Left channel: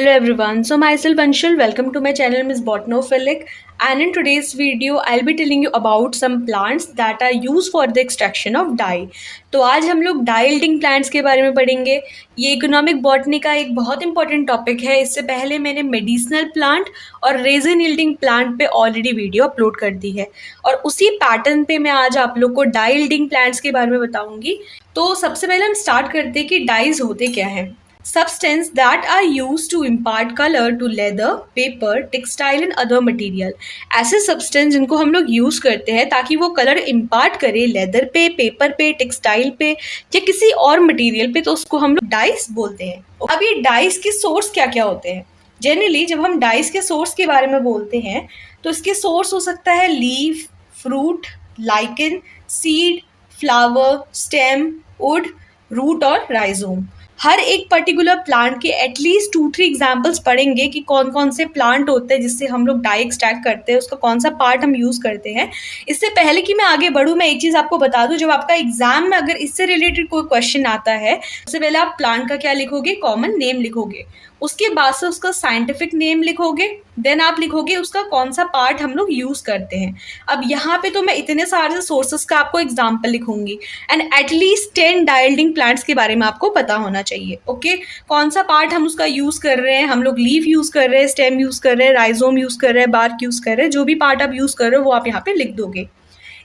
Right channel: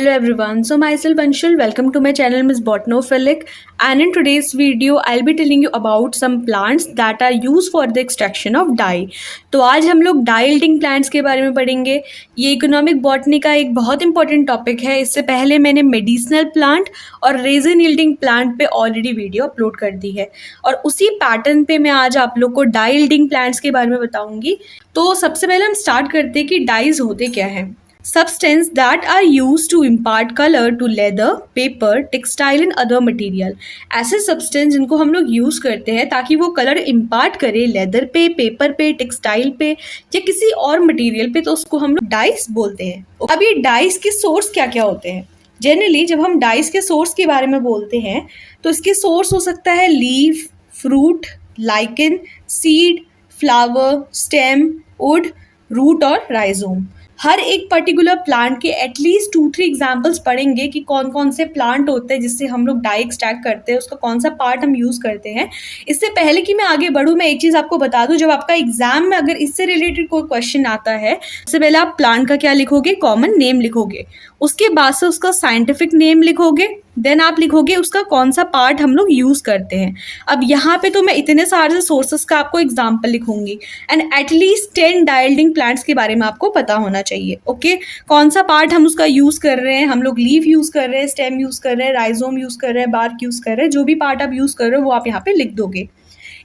Hello everyone, so myself Anshul, welcome to my channel Miss Botanophilic, and in today's video I'll be telling you about some plants that are used for the extraction of dye. तो आज हम लोग dye yielding plants के बारे में पढ़ेंगे। ये economic botany का एक बहुत इंपॉर्टेंट टॉपिक है। इससे पहले मैंने मेडिसिनल प्लांट और रेजिन यील्डिंग प्लांट पे ऑलरेडी वीडियो अपलोड कर दी है और उसी पैटर्न पे मैं आज आप लोग को डाई यील्डिंग प्लांट्स के बारे में बताऊंगी। तो सबसे पहले हम स्टार्ट करते हैं कि डाइज होते क्या हैं। Substance that are used to impart color to leather, paper, textile and other material। ऐसे सब्सटेंस जिनको हम लोग यूज़ करते हैं ताकि वो कलर इम्पार्ट करे लेदर पे, पेपर पे, टेक्सटाइल पे या किसी और मटेरियल पे, तो उसको हम लोग डाइस बोलते हैं। अब ये डाइस के सोर्स क्या क्या होते हैं? जनरली जब हम डाइस के सोर्स के बारे में बोलते हैं तो इसके सोर्स हो सकता है leaf, fruit, lichen, seed, flower, stem, wood, root और राइजोम। हर एक पर्टिकुलर प्लांट के एटलीस्ट 2-3 एग्जाम्पल्स पढ़ेंगे कि कौन कौन से प्लांट होते हैं जिससे हम लोग डाई एक्सट्रैक्ट करते हैं, उसका कौन सा पार्ट हम यूज़ करते हैं। इससे पहले कि मैं आगे बढ़ूँ, मैं एक चीज़ आपको बता दूँ, जब आपका एग्जाम में अगर इससे रिलेटेड कोई क्वेश्चन आता है, सबसे पहले आप प्लांट का क्या लिखोगे? कॉमन नेम लिखोगे। उसके बाद से उसका साइंटिफिक नेम लिखोगे, देन आप लिखोगे उसका कौन सा पार्ट हम लोग यूज़ करते हैं। अब यहाँ पे तो मैं इतने सारे सोर्सेस का आपको एग्जाम्पल लिखूंगी and at least 10 dye yielding plants के बारे में आपको पता होना चाहिए। ओके, कौन सा पार्ट हम उसका यूज़ कर रहे हैं? हम लोग लीफ यूज़ कर रहे हैं, स्टेम यूज़ कर रहे हैं, राइजोम यूज़ कर रहे हैं, बार्क यूज़ कर रहे हैं। जो भी पार्ट आप यूज़ कर रहे हो वो आप यहाँ पे लिख दोगे।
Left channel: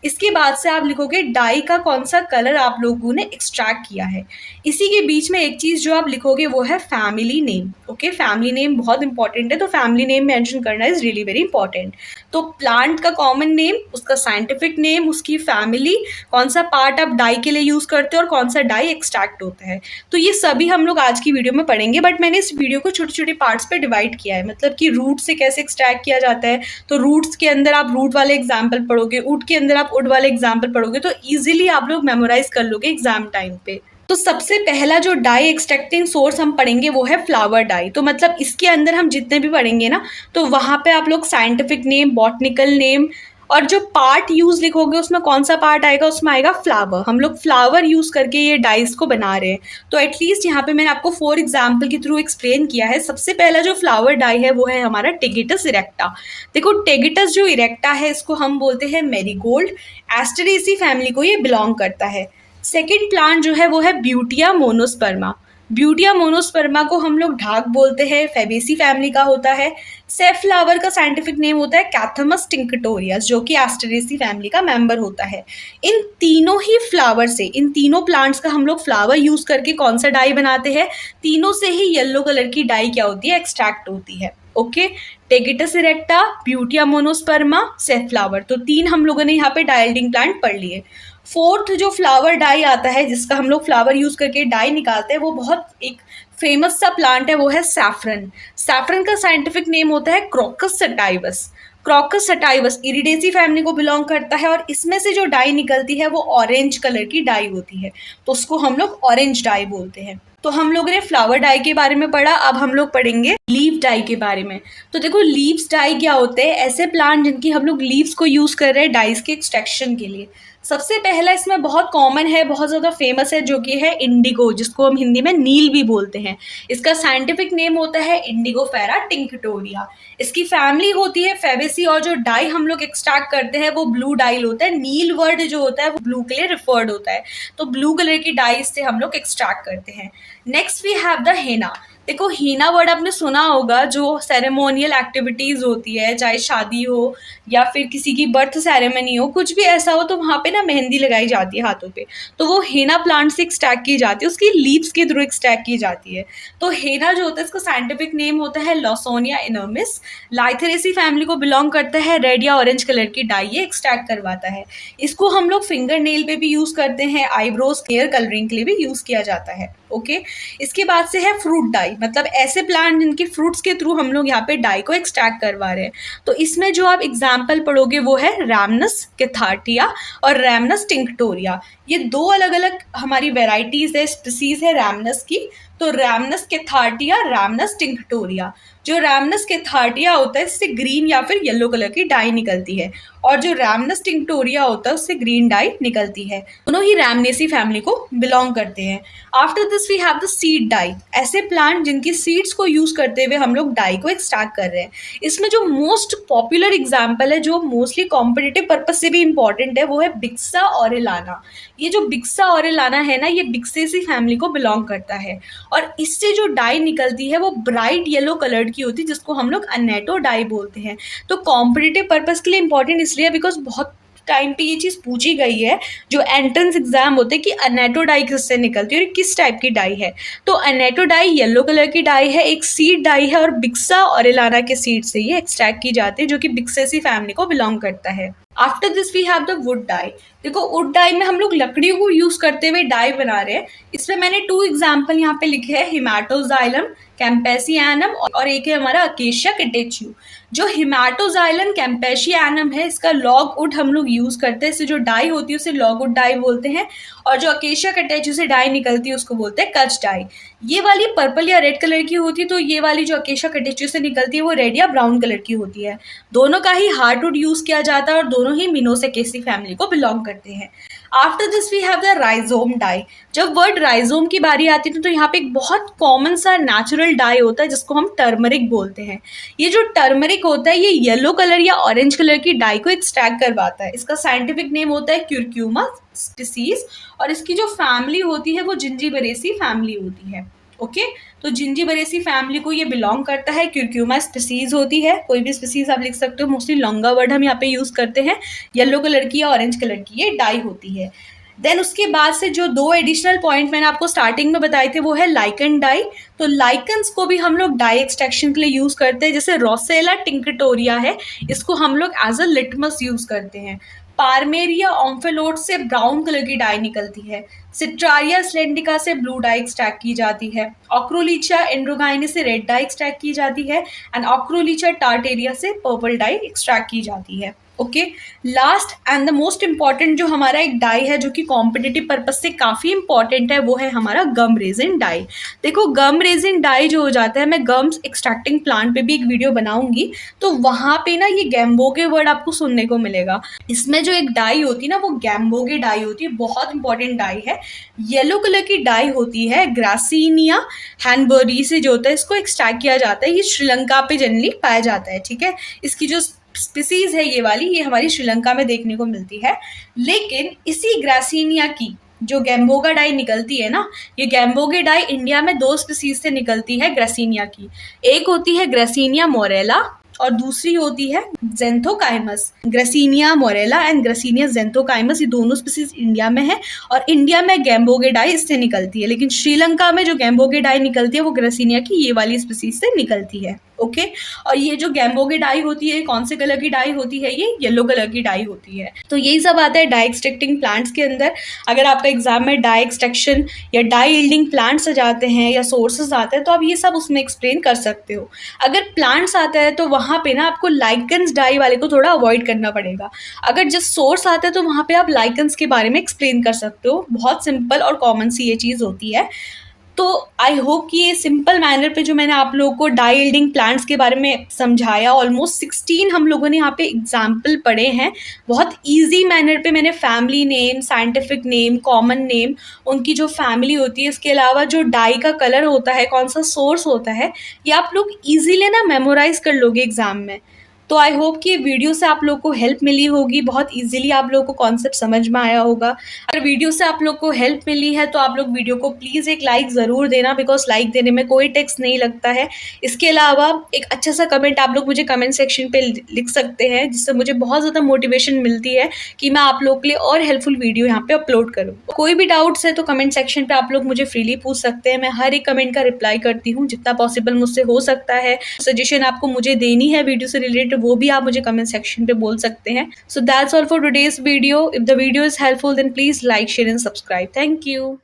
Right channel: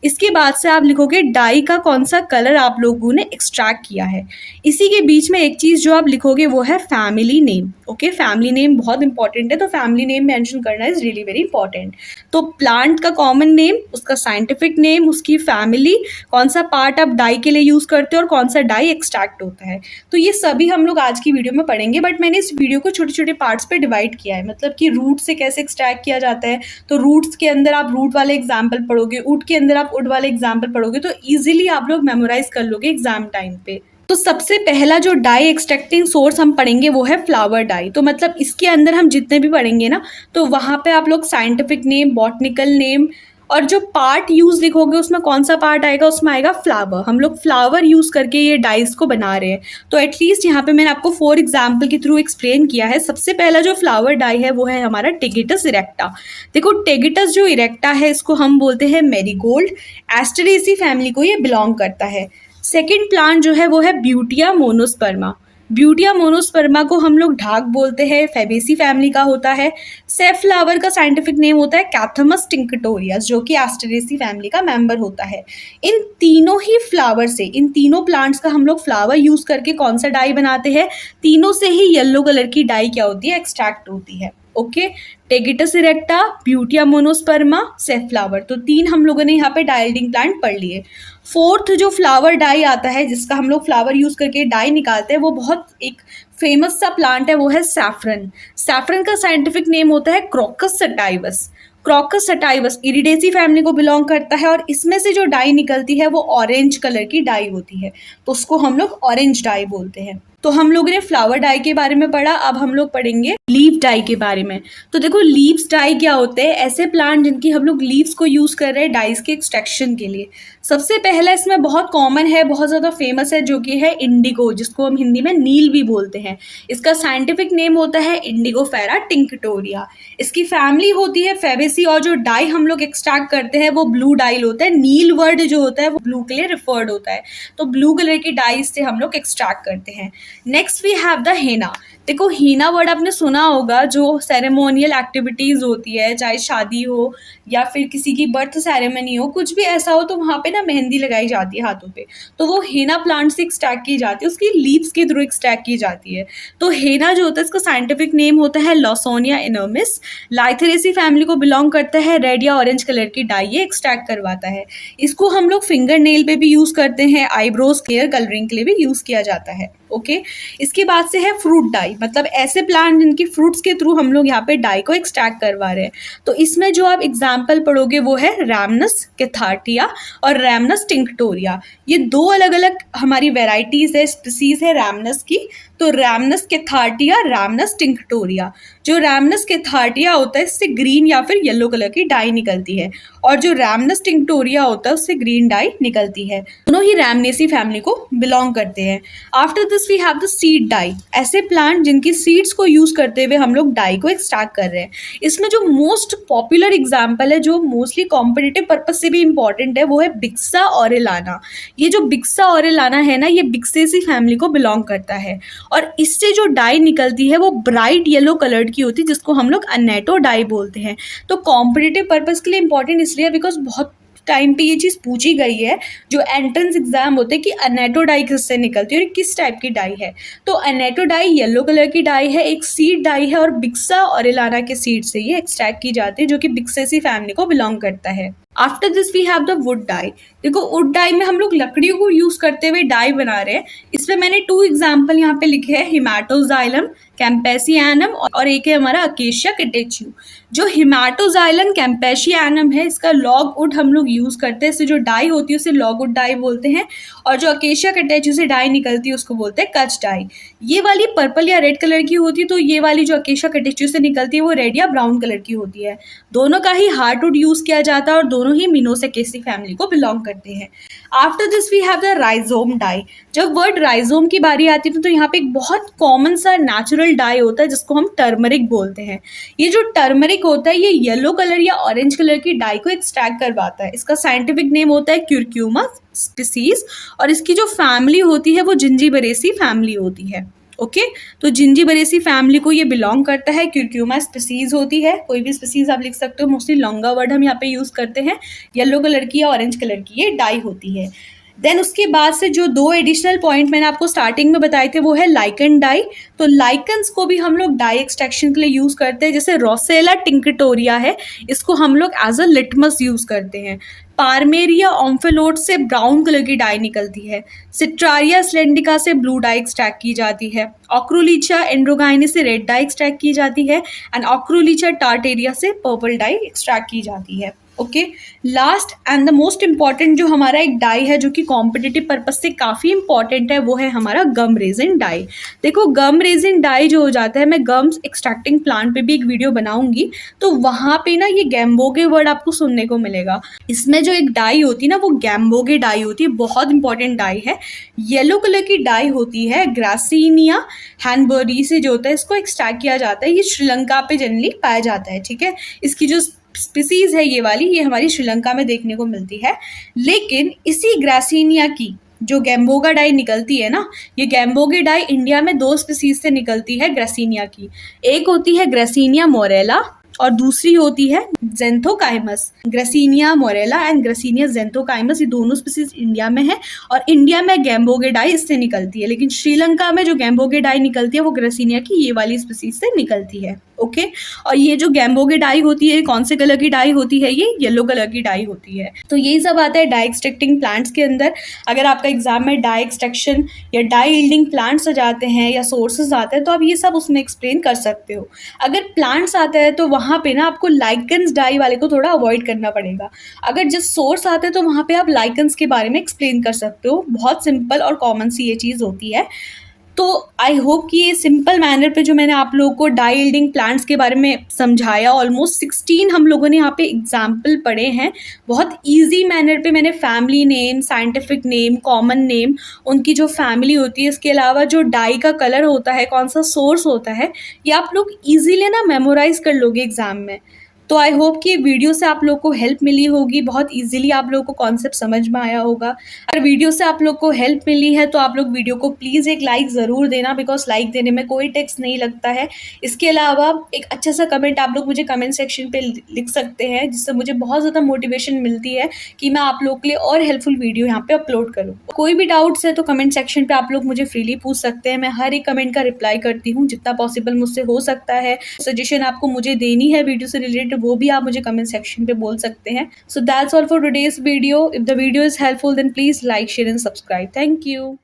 इसके बाद से आप लिखोगे डाई का कौन सा कलर आप लोगों ने एक्सट्रैक्ट किया है। इसी के बीच में एक चीज़ जो आप लिखोगे वो है family name. Okay, family name बहुत इंपॉर्टेंट है, तो फैमिली नेम मेंशन करना इज़ रियली वेरी इंपॉर्टेंट। तो प्लांट का कॉमन नेम, उसका साइंटिफिक नेम, उसकी फैमिली, कौन सा पार्ट आप डाई के लिए यूज़ करते हो और कौन सा डाई एक्सट्रैक्ट होता है। तो ये सभी हम लोग आज की वीडियो में पढ़ेंगे, बट मैंने इस वीडियो को छोटे छोटे पार्ट्स पे डिवाइड किया है। मतलब कि रूट से कैसे एक्सट्रैक्ट किया जाता है, तो रूट्स के अंदर आप रूट वाले एग्जाम्पल पढ़ोगे, वुड के अंदर आप वुड वाले एग्जाम्पल पढ़ोगे, तो ईजिली आप लोग मेमोराइज कर लोगे एग्जाम टाइम पे। तो सबसे पहला जो डाई एक्सट्रैक्टिंग सोर्स हम पढ़ेंगे वो है फ्लावर डाई। तो मतलब इसके अंदर हम जितने भी पढ़ेंगे ना, तो वहाँ पे आप लोग साइंटिफिक नेम, बॉटनिकल नेम और जो पार्ट यूज़ लिखोगे उसमें कौन सा पार्ट आएगा, उसमें आएगा फ्लावर। हम लोग फ्लावर यूज़ करके ये डाइस को बना रहे हैं। तो एटलीस्ट यहाँ पे मैंने आपको 4 एग्जाम्पल के थ्रू एक्सप्लेन किया है। सबसे पहला जो फ्लावर डाई है वो है हमारा टेगिटस इरेक्टा। देखो, टेगिटस जो इरेक्टा है इसको हम बोलते हैं मैरीगोल्ड। एस्टरेसी फैमिली को ये बिलोंग करता है। सेकेंड प्लांट जो है वो है ब्यूटिया मोनोस्पर्मा। ब्यूटिया मोनोस्पर्मा को हम लोग ढाक बोलते हैं, फेबेसी फैमिली का होता है। सेफ फ्लावर का साइंटिफिक नेम होता है कैथमस टिंकटोरियस, जो कि एस्टरेसी फैमिली का मेंबर होता है। इन तीनों ही फ्लावर से, इन तीनों प्लांट्स का हम लोग फ्लावर यूज़ करके कौन सा डाई बनाते हैं? तीनों से ही येलो कलर की डाई क्या होती है? एक्सट्रैक्ट होती है। Okay, Tagetes erecta, Butea monosperma, safflower, तो 3 हम लोगों ने यहाँ पे डाई यील्डिंग प्लांट पढ़ लिए। फोर्थ जो फ्लावर डाई आता है, जिसका हम लोग फ्लावर यूज़ करके डाई निकालते हैं, वो बहुत एक फेमस सा प्लांट है, वो है सैफरन। सैफरन का साइंटिफिक नेम होता है Crocus sativus. Crocus sativus Iridaceae family को बिलोंग करता है और इसमें से जो डाई निकलती है वो ऑरेंज कलर की डाई होती है, तो उसको हम लोग ऑरेंज डाई बोलते हैं। तो हम लोगों ने फ्लावर डाई के बारे में पढ़ा, अब हम लोग पढ़ेंगे लीफ डाई के बारे में। तो देखो, लीव्स डाई क्या होते हैं? ऐसे प्लांट जिनकी हम लोग लीव्स को यूज़ कर रहे हैं डाइस के एक्सट्रैक्शन के लिए। सबसे पहला इसमें बहुत कॉमन है, बहुत ज़्यादा फेमस है, जो कि है इंडिगो, जिसको हम हिंदी में नील भी बोलते हैं। इसका साइंटिफिक नेम होता है इंडिगोफेरा टिंकटोरिया। इसकी फैमिली होती है फेबेसी और जो डाई हम लोग एक्सट्रैक्ट करते हैं वो ब्लू डाई होता है। नील वर्ड जो होता है वो ब्लू के लिए रिफर्ड होता है, तो ब्लू कलर की डाई से हम लोग एक्सट्रैक्ट करते हैं। नेक्स्ट वी हैव द हेना। देखो, हीना वर्ड आपने सुना होगा, जो सेरेमोनियल एक्टिविटीज़ होती है, चाहे शादी हो या फिर किसी की बर्थ सेरेमनी हो, कुछ भी ऐसा हो, तो वहाँ पे ना मेहंदी लगाई जाती है हाथों पे, तो वो हेना प्लांट से एक्सट्रैक्ट की जाती है, उसकी लीव्स के थ्रू एक्सट्रैक्ट की जाती है। तो हेना जो होता है इसका साइंटिफिक नेम होता है लॉसोनिया इनर्मिस। लाइथेरेसी फैमिली को बिलोंग करता है। रेड या ऑरेंज कलर की डाई ये एक्सट्रैक्ट करवाता है। इसको हम लोग फिंगर नेल पे भी यूज़ करते हैं, आईब्रोज क्लियर कलरिंग के लिए भी यूज़ किया जाता है। ओके, इसके बाद से है फ्रूट डाई। मतलब ऐसे प्लांट जिनकी फ्रूट्स के थ्रू हम लोग यहाँ पे डाई को एक्सट्रैक्ट करवा रहे हैं। तो इसमें जो आप एग्जाम्पल पढ़ोगे वो है रैमनस कैथार्टिया और रैमनस टिंक्टोरिया। ये दो अलग अलग हमारी वेराइटीज़ है, स्पीसीज है रैमनस की। तो रैमनस कैथार्टिया, रैमनस टिंक्टोरिया। जो रैमनस कैथार्टिया होता है इससे ग्रीन या फिर येलो कलर की डाई निकलती है, और जो रैमनस टिंक्टोरिया होता है उससे ग्रीन डाई निकलती है। दोनों ही रैमनेसी फैमिली को बिलोंग करते हैं। After this we have the seed dye, ऐसे प्लांट जिनकी सीड्स को यूज करते हुए हम लोग डाई को एक्सट्रैक्ट कर रहे हैं। इसमें जो मोस्ट पॉपुलर एग्जाम्पल है, जो मोस्टली कॉम्पिटिटिव पर्पज से भी इंपॉर्टेंट है, वो है बिक्सा ऑरेलाना। ये जो बिक्सा ऑरेलाना है ना, ये बिक्सेसी फैमिली को बिलोंग करता है, और इससे जो डाई निकलती है वो ब्राइट येलो कलर्ड की होती है, जिसको हम लोग अनेटो डाई बोलते हैं। तो कॉम्पिटिटिव पर्पज के लिए इंपॉर्टेंट इसलिए बिकॉज बहुत टाइम पे ये चीज़ पूछी गई है, जो एंट्रेंस एग्जाम होते हैं, कि अनेटो डाई किससे निकलती है और किस टाइप की डाई है। तो अनेटो डाई येलो कलर की डाई है, एक सीड डाई है, और बिक्सा ऑरेलाना के सीड से ये एक्सट्रैक्ट की जाती है, जो कि बिक्सेसी फैमिली को बिलोंग करता है। After this we have the wood dye. देखो वुड डाई में हम लोग लकड़ियों को यूज करते हुए डाई बना रहे हैं। इसमें मैंने 2 एग्जाम्पल यहाँ पे लिखे हैं, हिमाटोजाइलम कैम्पेसियानम और एक है हमारा अकेशिया कैटेच्यू। जो हिमाटोजाइलम कैम्पेशियानम है, इसका लॉग वुड हम लोग यूज करते हैं, इससे जो डाई होती है उसे लॉग वुड डाई बोलते हैं, और जो अकेशिया कैटेच्यू से डाई निकलती है उसको बोलते हैं कच डाई। ये वाली पर्पल या रेड कलर की होती है, तो ये वाली जो अकेशिया कैटेच्यू से निकलती है वो रेड या ब्राउन कलर की होती है। दोनों का ही हार्डवुड यूज किया जाता है और दोनों ही मिनोसेकेसी फैमिली को बिलोंग करते हैं। After this we have the rhizome dye. जब वर्ड राइजोम की बारी आती है तो यहाँ पे एक बहुत कॉमन सा नेचुरल डाई होता है जिसको हम टर्मरिक बोलते हैं। ये जो टर्मरिक होता है ये येलो कलर या ऑरेंज कलर की डाई को एक्सट्रैक्ट करवाता है। इसका साइंटिफिक नेम होता है क्यूरक्यूमा स्पीसीज, और इसकी जो फैमिली होती है वो जिंजीबरेसी फैमिली होती है। ओके तो जिंजीबरेसी फैमिली को ये बिलोंग करता है, क्यूरक्यूमा स्पीसीज होती है। कोई भी स्पीसीज आप लिख सकते हो, मोस्टली लॉन्गा वर्ड हम यहाँ पे यूज करते हैं। येलो कलर की या ऑरेंज कलर की ये डाई होती है। देन उसके बाद से जो 2 एडिशनल पॉइंट मैंने आपको स्टार्टिंग में बताए थे वो है लाइकन डाई। तो लाइकन्स को भी हम लोग डाई एक्सट्रैक्शन के लिए यूज करते हैं। जैसे रोसेला टिंक्टोरिया है, इसको हम लोग एज अ लिटमस यूज करते हैं। पार्मेरिया ओम्फेलोट से ब्राउन कलर की डाई निकलती है। सिट्रारिया स्लेंडिका से ब्लू डाई एक्सट्रैक्ट की जाती है। ऑक्रोलीचा एंड्रोगाइनी से रेड डाई एक्सट्रैक्ट की जाती है, एंड ऑक्रोलीचा टार्टेरिया से पर्पल डाई एक्सट्रैक्ट की जाती है। Okay last and the most important जो हमारा एक डाई है जो कि कॉम्पिटिटिव पर्पज से काफ़ी इंपॉर्टेंट है, वो है हमारा गम रेजिन डाई। देखो गम रेजिन डाई जो हो जाता है, मैं गम्स एक्सट्रैक्टिंग प्लांट पे भी एक वीडियो बनाऊंगी, तो वहाँ पे ना ये गैम्बोगे वर्ड आपको सुनने को मिलेगा। इसमें जो एक डाई होती है ना वो गैम्बोगे डाई होती है, बहुत इंपॉर्टेंट डाई है। येलो कलर की डाई होती है, ग्रासिनिया हैनबरी से जो होता है इसको एक्सट्रैक्ट किया जाता है। ये श्रीलंका पे जनरली पाया जाता है। ठीक है, इसकी जो स्पीसीज है ये वाली, ये हमारी श्रीलंका में देखने को मिलती है। लेकिन इसी ग्रासिनिया की जो गैम्बोगा डाई निकलती है ना, ये गैम्बोगे डाई इंडिया में 2 स्पीसीज से निकलती है ग्रासिनिया की। एक होती है ग्रासिनिया मोरेला और दूसरी होती है जेंथोकाइमस। ग्रासिनिया मोरेला एंड ग्रासिनिया जेंथोकाइमस, ये दोनों स्पीसीज इंडिया में है, और इंडिया में गैम्बोगे डाई इससे निकलती है। लेकिन श्रीलंका में जो गैम्बोगे डाई निकलती है वो ग्रासिनिया की ये वाली स्पीसीज से निकलती है। ओके और ये जो गैम्बोगे डाई होती है कौन से कलर की डाई होती है? ये येलो कलर की डाई होती है। तो यही सब आता है डाई एक्सट्रैक्टिंग प्लांट्स के अंदर। अगर आपका एग्जाम में डाई एक्सट्रैक्शन या डाई यील्डिंग प्लांट्स आ जाते हैं या सोर्सेज आते हैं तो आप ये सब उसमें एक्सप्लेन कर सकते हो। अगर प्लांट्स आता है तो वहाँ पे ना आपको लाइकन्स डाई वाले को थोड़ा अवॉइड करना पड़ेगा। अगर जिस सोर्स आता है तो वहाँ पे आप लाइकन्स के बारे में एक्सप्लेन कर सकते हो। बहुत सिंपल और कॉमन सी ये चीज़ होती है। तो आई होप कि ये सिंपल मैनर पे जो मैंने आप लोगों को डाई यील्डिंग प्लांट्स के बारे में समझाया, ऑलमोस्ट 16 हम लोगों ने यहाँ पे एग्जाम्पल पढ़े हैं। बहुत इजी मैनर पे मैंने family name, scientific name, common name, उनकी जो फैमिली होती है, इसके अलावा जो डाई का कलर होता है, कौन सा सोर्स होता है, ये आप लोग ईजीली ना मेमोराइज कर लोगे एग्जाम में। तो आई होप कि वीडियो से आप लोग को हेल्प मिली होगी, बहुत इजीली आप लोग को कॉन्सेप्ट समझ में आया होगा। अगर वीडियो से आप लोग को हेल्प मिली है तो आप लोग वीडियो को प्लीज़ एक लाइक ज़रूर देना, बिकॉज लाइक देने में कोई टैक्स नहीं लगता है। इसके अलावा एक अच्छा सा कमेंट आप लोग मुझे कमेंट सेक्शन पे लिख सकते हैं, जिससे मुझे बहुत ज़्यादा मोटिवेशन मिलती है कि मैं आप लोग के लिए और हेल्पफुल वीडियो यहाँ पे अपलोड करूँ। कोई भी डाउट्स है तो कमेंट सेक्शन पर आप लोग मुझे फ्रीली पूछ सकते हैं। मैं हर एक कमेंट का रिप्लाई करती हूँ जितना पॉसिबल मुझसे हो सकता है। सजेशन आपको मुझे देनी है वीडियो से रिलेटेड, वो भी आप मुझे कमेंट सेक्शन पे बोल सकते हैं। So that's all for today's video. If the video is helpful then please like, share and subscribe. Thank you.